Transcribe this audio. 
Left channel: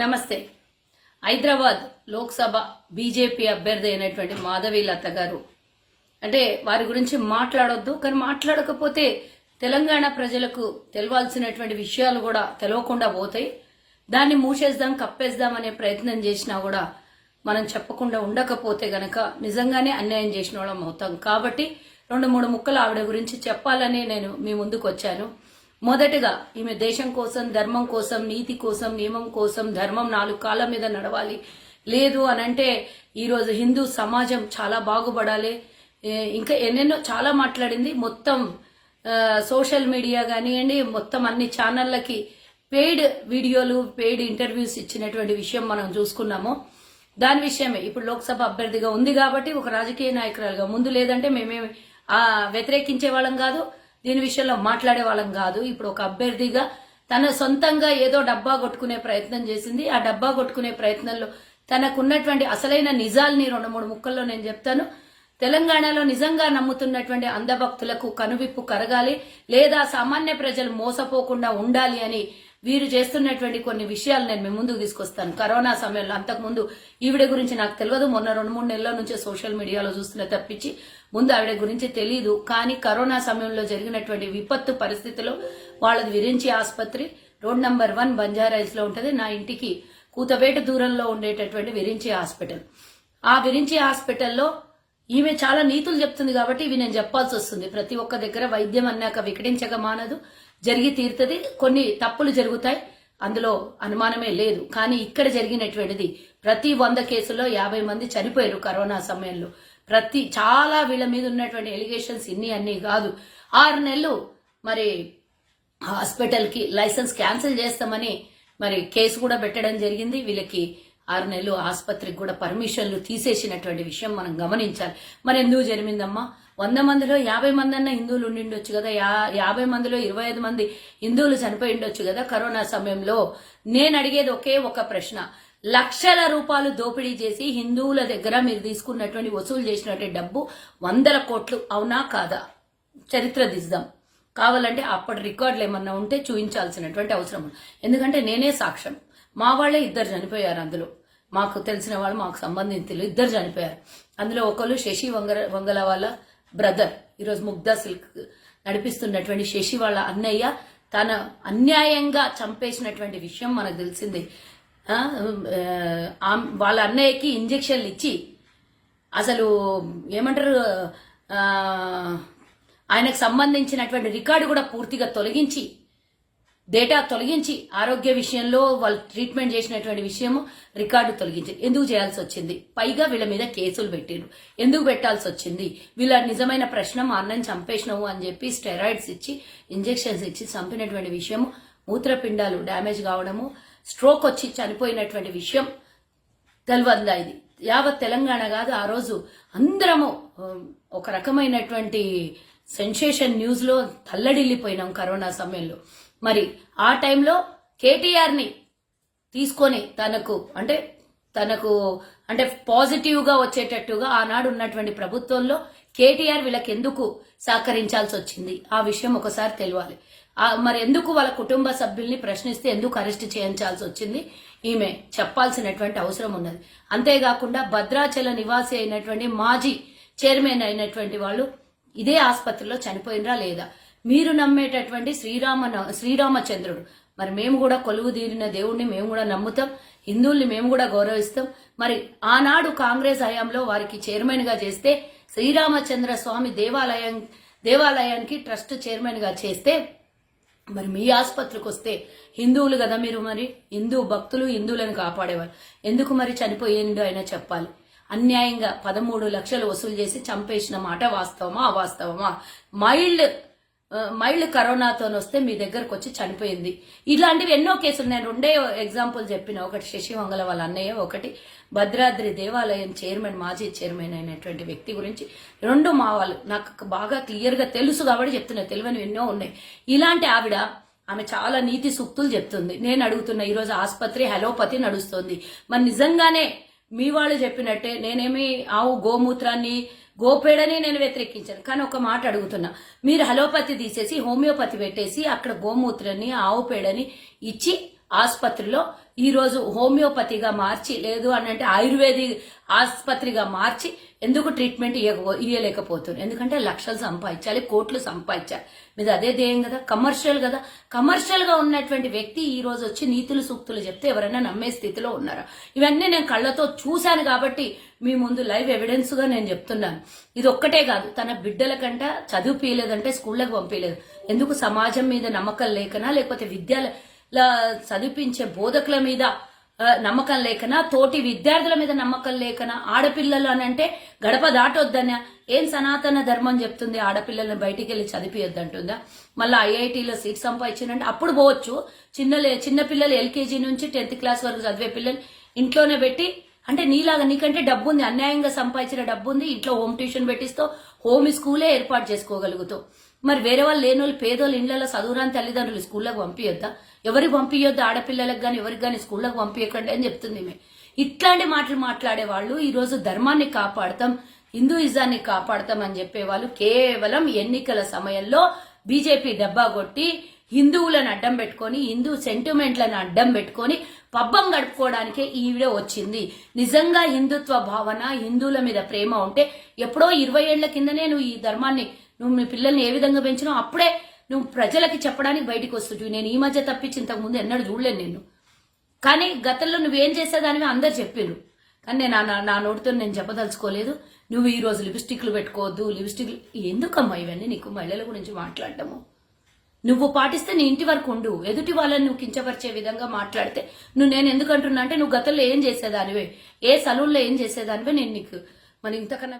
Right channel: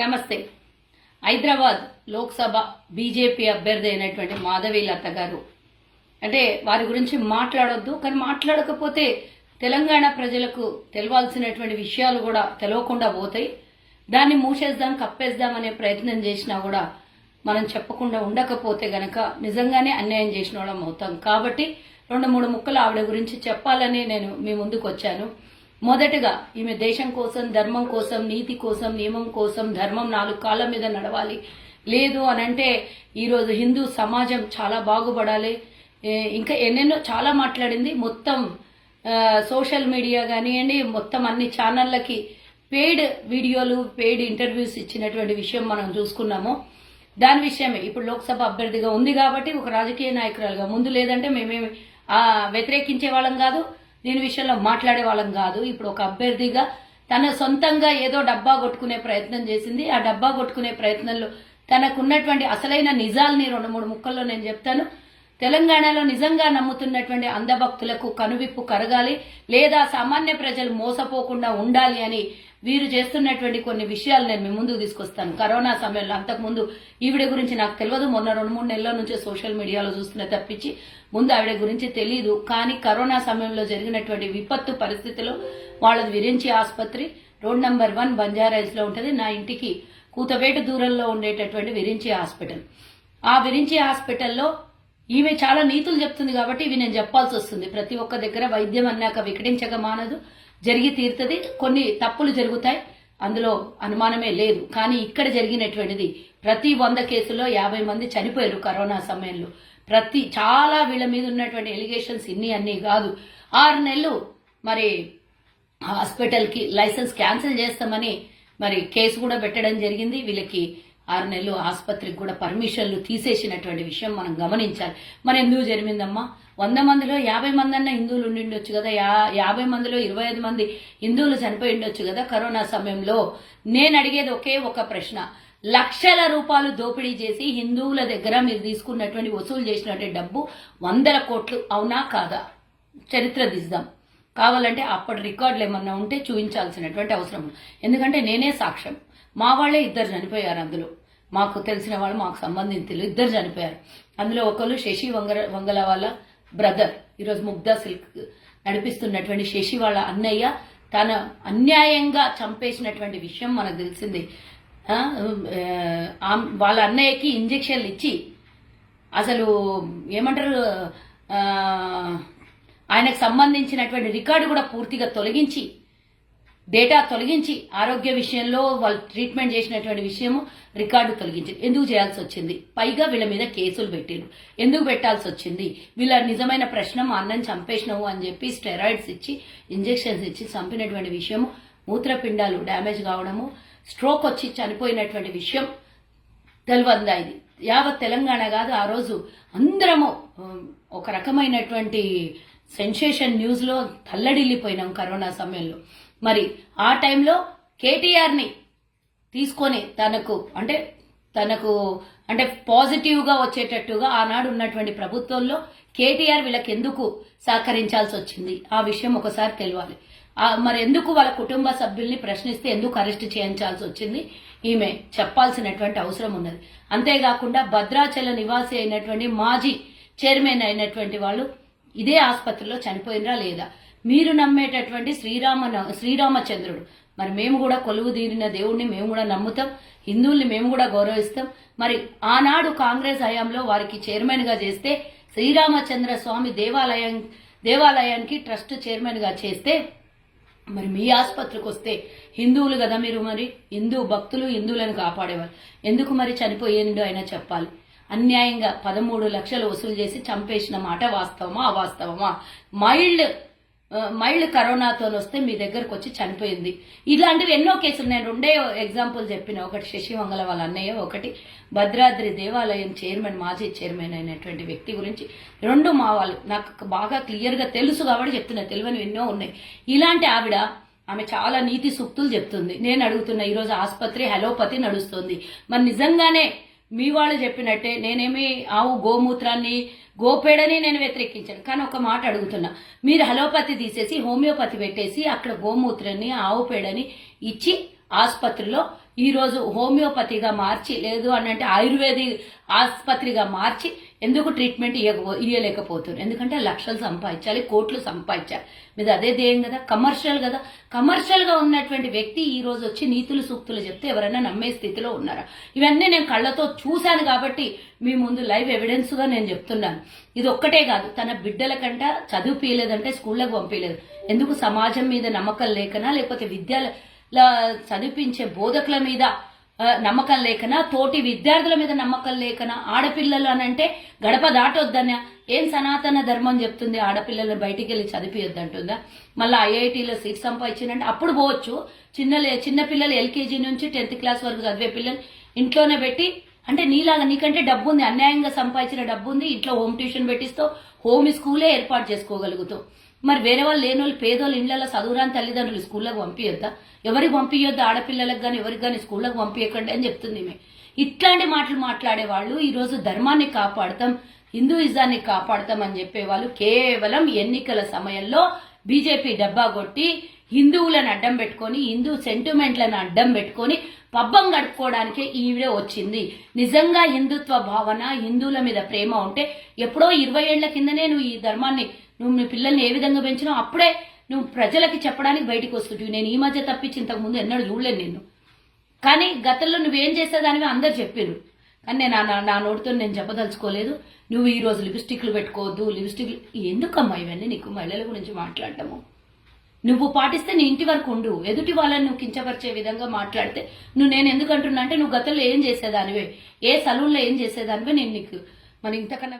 నమస్తే. హైదరాబాద్ లోక్సభ బీజేపీ అభ్యర్థి అయినటువంటి మాధవి లత గారు అంటే వారి గురించి మాట్లాడొద్దు, కానీ మాట్లాడకపోతే తెలంగాణ ప్రజలకు తెలవాల్సినటువంటి విషయాలు కూడా తెలియకుండా పోతాయి. దాన్ని మూసేద్దాం, కప్పేద్దాం అనే ప్రయత్నం చేసినా కూడా మనం చెప్పకుండా ఉండకపోతే గనక నిజంగానే అన్యాయం చేసిన వాళ్ళం అవుతాం. కాబట్టి 2-3 ముక్కలు ఆవిడ గురించి చెప్పాలని నేను మీ ముందుకు వచ్చాను. మొదటగా ఈమె దేశం కోసం, ధర్మం కోసం, నీతి కోసం, నియమం కోసం, ధర్మం 4 కాళ్ళ మీద నడవాలి. లేదు అనంటే ఈరోజు హిందూ సమాజం చాలా బాగుపడాలి. ఇంకా ఎన్నెన్నో చాలా మాట్లాడింది. మొత్తం సోషల్ మీడియా కానివ్వండి, మొత్తం అన్ని ఛానళ్ళకి పెయిడ్ వీడియోలు, పెయిడ్ ఇంటర్వ్యూస్ ఇచ్చినటువంటి విషయం మనం చూసుకున్నాము. దాని విషయమే ఇప్పుడు లోక్సభ అభ్యర్థిగా ఉంది కాబట్టి ఒక రాజకీయ నాయకురాలుగా, ముందు లేదంటే మేమేమి వ్యతిరేకించే వాళ్ళం కాదు, దీని విషయంలో మాట్లాడే వాళ్ళం కాదు. ఇప్పుడు ఒక అభ్యర్థిగా తన సొంతంగా ఏదో డబ్బా కొట్టుకునే ప్రయత్నం చేసింది. ఆ డబ్బా కొట్టుకునే ప్రయత్నంలో తనకున్నటువంటి అసలైన నిజాల్ని 2-3 ముక్కల్లో నేను చెప్తాను. తెలంగాణలో నిజంగా నమ్ముతున్నటువంటి అంధభక్తులకు కనువిప్పు కరగాలి, లేదా సామాన్య ప్రజలు మోసపోకుండా ఉండాలి అని వీరు చేస్తున్నటువంటి కొన్ని విషయాలు నేను మీ ముందుకు తీసుకొస్తాను. కరోనా సమయంలో, అంతకుముందు ఈవిడ గురించి నాకు తెలియదు, మొన్న 2-3 నెలల నుంచే సోషల్ మీడియాలో చూస్తున్న తప్పించి ముందు ఆవిడ గురించి తెలియదు. కానీ కరోనా సమయంలో జరిగినటువంటి విపత్తు పరిస్థితిలో వాళ్ళది విరించి ఆసుపత్రి రోడ్ నంబర్ 1 బంజారాయిల్స్ లో ఉంటుంది. నా ఇంటికి కూతవేట దూరంలో ఉండేటటువంటి విరించి హాస్పిటల్. ఆ విరించి హాస్పిటల్లో ఈమె చాలా నీతులు చెప్తుంది కాబట్టి ఇవి నేను చెప్పాల్సి వస్తుంది. ప్రతి ఒక్క దగ్గర వైద్యం అన్నాక వికటించక మానదు, జరిగి తీరుతుంది. కొన్ని తప్పులు జరుగుతాయి, అందులో అనుమానమే లేదు. కానీ ఇక్కడ జరిగినటువంటిది ప్రతి 100 కేసుల్లో 50 మంది చనిపోయారు కరోనా సమయంలో. చాలా వీళ్ళ మీద ఉన్నటువంటి ఎలిగేషన్స్ అన్నీ కాదు. 6 నెలలు మరి హాస్పిటల్కి లైసెన్స్ క్యాన్సిల్ చేస్తామని మరి కేసు కూడా పెట్టడం జరిగింది. వీళ్ళకి 6 నెలలు ఆసుపత్రికి కూడా పర్మిషన్లు తీసేసినటువంటి విషయం మనం గమనించాలి. మరి ఎందుకు జరిగిందమ్మా? 100 మందిలో 50 మంది అన్న హిందువులు ఉండిండొచ్చు కదా, 50 మందిలో 25 మంది హిందువులు చనిపోయి ఉండొచ్చు కదా కరోనా సమయంలో. నేను అడిగేది ఒకే ఒక ప్రశ్న. లక్షల రూపాయలు దోపిడీ చేసి హిందువుల దగ్గర మీరు తీసుకున్నటువంటి వసూలు చేసినటువంటి డబ్బు 100 కోట్లు, అవునా కాదా? చరిత్ర దిద్దాం. కావాలంటే అప్పటి రికార్డులు ఏమన్నా ఉంటే చూపించాల్సినటువంటి అవసరం ఉంది. ఎందుకంటే నేనే సాక్ష్యం. మా వాళ్లే 2 చనిపోయారు. అందులో మాకు తెలిసిన వాళ్ళు, మాకు సంబంధించిన 2 చనిపోయారు. అందులో ఒకరు శశి వంగల వాళ్ళ బ్రదర్, ఈరోజు ముగ్ధా సిల్క్ నడిపిస్తున్నటువంటి శశి వాళ్ళ అన్నయ్య తన అన్యాయంగా చంపేసినటువంటి విషయం మనకు తెలిసింది. వాళ్ళ అన్నయ్యకి ఇంజెక్షన్లు ఇచ్చి అసలు ఏమంటారు, ఆయనకు సంబంధించినటువంటి రికార్డు కూడా పూర్తిగా తొలగించి, డేటా తొలగించి, ఆరోగ్య విషయంలో వాళ్ళు ట్రీట్మెంట్ చేసినటువంటి విషయము రికార్డు తొలగించి ఎందుకు చేయాల్సి వచ్చింది? పైగా వీళ్ళ మీద కేసులు పెట్టారు. ఎందుకు పెట్టాల్సి వచ్చింది? వీళ్ళ నిజమైన ప్రశ్న, మా అన్నని చంపేసినావు అని చెప్పి స్టెరాయిడ్స్ ఇచ్చి, ఇంజెక్షన్స్ ఇచ్చి చంపినటువంటి విషయము, మూత్రపిండాలు డ్యామేజ్ కావడము, స్ట్రోక్ వచ్చి చనిపోయినటువంటి విషయం తెలియదా? ఇది యావత్ తెలంగాణ కాదు, ఆ రోజు అందరము ఒక రకమైనటువంటి సెన్సేషన్ న్యూస్ లో తల్లడిల్లిపోయినాం కరోనా సమయంలో. మరి ఆ టైంలో కేటీఆర్ ని తీసుకొని తనకు అంటే పాజిటివ్ గా వచ్చేటట్టుగా ఆనాడు ఉన్నటువంటి ప్రభుత్వంలో కేటీఆర్ వీళ్ళకి ఎందుకు సహకరించాల్సి వచ్చింది? ఆ విషయం ఒకసారి తెలియాలి. మరి ఎందుకు వాళ్ళ కుటుంబ సభ్యుల్ని ప్రశ్నిస్తే ఎందుకు అరెస్ట్ చేయించాల్సి వచ్చింది? ఈమె చెప్పాల్సినటువంటి అవసరం ఉన్నది. అంతేకాకుండా భద్రాచల నివాసి అయినటువంటి మాజీ చైర్మన్ అయినటువంటి వాళ్ళు ఇదే ఆసుపత్రిలో చనిపోయినరా లేదా? మీరు నమ్మేటటువంటి శ్రీరామచంద్రుడు, మరి మేము కూడా కొలువు తీరిన దేవుణ్ణి మేము కూడా నమ్ముతాం, హిందువుల్ని మేము కూడా గౌరవిస్తాం. మరి ఆనాడు కాంగ్రెస్ హయాంలో వారికి చైర్మన్ గా చేస్తే, శ్రీరామచంద్ర స్వామి దేవాలయానికి ట్రస్ట్ చైర్మన్ గా చేస్తే, మరి మీ ఆసుపత్రికి వస్తే హిందువులు కదా మీరు, మరి హిందూ భక్తులు హిందువులను కాపాడేవారు, ఎందుకు మరి చనిపోయిందో అయినా చెప్పాలి. అన్యాయంగా 13 లక్షలు వసూలు చేసి చంపేసిన మాట వాస్తవమా అవాస్తవమా? మైల్డ్ కరోనాతో వస్తే మీ దగ్గరకు వచ్చి చనిపోయింది. ఇలాంటివి ఎన్నో కేసులు. నేను 2 ఎగ్జాంపుల్ చెప్పిన. ఒకటి శశి వంగల వాళ్ళ అన్నయ్య, ఒకటి భద్రాద్రి దేవాలయం చైర్మన్, మాజీ చైర్మన్ అయినటువంటి వ్యక్తి గురించి. 2 మా వాళ్ళు నాకు బాగా క్లియర్ గా తెలుసు కాబట్టి చెప్తున్నా, తెలియని ఎన్నో ఉన్నాయి. ఇలాంటి ఆమె చాలా నీతి సూక్తులు చెప్తుంది. నేను అడుగుతున్నా, ఈరోజు ఆసుపత్రి హలోపతి నడుస్తుంది. మరి నిజంగానే మీ వాళ్ళు చెప్పినట్టే నేనేమి ఆవు గోమూత్రాన్ని గోపేడని నేను వ్యతిరేకించాను, కానీ ఒక మాట అడుగుతున్నా, మీరు హలోపతి తీసేసి హోమియోపతి పెట్టేసి అక్కడ గోమూత్రాన్ని ఆవు పేడని ఇచ్చి ఆసుపత్రిలో ఈ రోజు హోమియోపతిగా మార్చి లేదు అని అంటే ఆయుర్వేదిక్ ఆసుపత్రిగా మార్చి ఎందుకు ట్రీట్మెంట్ ఇవ్వలేకపోతున్నారు? ఎందుకంటే లక్షలు సంపాదించాలి, కోట్లు సంపాదించాలి. మీద అదే ధ్యేయం కదా, కమర్షియల్ కదా. కమర్షియల్ గా ఉన్నటువంటి వ్యక్తి ఈ రోజు వచ్చి నీతులు సూక్తులు చెప్తే ఎవరైనా నమ్మే స్థితిలో ఉన్నారా? ఇవన్నీ నేను కళ్ళతో చూశాను కాబట్టి మీ ముందు లైవ్ ఎవిడెన్స్ గా నేను చెప్తున్నాను. ఇది ఒక్కటే కాదు, తన బిడ్డల కంట చదివిపియలేదంటే స్కూళ్ళకు పంపించలేదు. ఎందుకు? సమాజం మీద నమ్మకం లేకనా, లేకపోతే విద్యల చదివించే బోధకుల మీద నమ్మకం లేకనా, తోటి విద్యార్థుల మీద నమ్మకం లేకనా, ఆడపిల్లలు అని అంటే గడప దాటొద్దనా? ఏం సనాతన ధర్మం చెప్తుంది ఆడపిల్లలను బయటికి వెళ్ళి చదివియొద్దంటుందా? మళ్ళీ ఐఐటీలో సీట్ సంపాదించిందంటే అప్పుడు పోవచ్చు. చిన్న పిల్లలు ఎల్కేజీ నుంచి 10th క్లాస్ వరకు చదివే పిల్లలు ఇంట్లోనే పెట్టి, అంటే నీలాగా నీకంటే డబ్బు ఉంది, అన్యాయంగా సంపాదించిన డబ్బు ఉంది, ఇంట్లో హోమ్ ట్యూషన్ పెట్టిస్తావు, హోమ్ స్కూలే ఏర్పాటు చేసుకోగలుగుతావు. మరి వేరే వాళ్ళు లేని వాళ్ళు పేదోళ్ళు ఇళ్లలో చదువురాని తల్లిదండ్రులు స్కూళ్ళకు పంపించొద్దా? ఎవరికి పంపించొద్దు? ఆడపిల్లలకు కానీ ఎవరికి కానీ స్కూళ్ళకు పంపించకండి అని చెప్తుంది. ఇట్లాంటి మాటలు మాట్లాడే వాళ్ళు ఈ రోజు ధర్మాన్ని కాపాడతాం, హిందూయిజాన్ని కాపాడతాం అని చెప్పేవాళ్ళు కేవలం ఎన్నికల సమయంలో బీజేపీ డబ్బా కొట్టి హిందువులను అడ్డం పెట్టుకొని, హిందూ సెంటిమెంట్లను అడ్డం పెట్టుకొని పబ్బం గడుపుకోవడానికే ఈ వీడియో వచ్చింది. నిజంగా హిందుత్వ భావన, హిందువుల మీద ప్రేమ ఉంటే ఎప్పుడో 20 ఏళ్ల కిందనే నువ్వు ఈ ధర్మాన్ని, నువ్వు మీ పిల్లల్ని ఏ విధంగా పెంచినావు అప్పుడే నువ్వు ప్రజలకి చెప్పడానికి బయటకు వస్తుంటివి. నేను ఈ మధ్య తప్పించి ఇంతకు ముందు ఎన్నడూ చూడలేను నిన్ను. కానీ గతంలో నువ్వేం చేసేదానివి అందరు చెప్పారు, కానీ నేను నా నోటితో నేను చెప్పదలుచుకోలేదు. నువ్వు ఈ రోజు లిప్స్టిక్లు పెట్టుకోవద్దు, లిప్స్టిక్ ఎందుకమ్మా ఇవన్నీ నీకు? మహిళల గురించి మాట్లాడటము నువ్వు పాటిస్తే నీ ఇంటి వరకు ఉండు. ఎదుటి వాళ్ళని నువ్వు కించపరిచే విధంగా మాట్లాడితే నేను ఎందుకంటున్నా అంటే నువ్వు గతంలో ఏం చేసేదానివే, ఏ సలూన్లో ఏం చేసేదానివే నేను నీకు మరి ఇంతకన్నా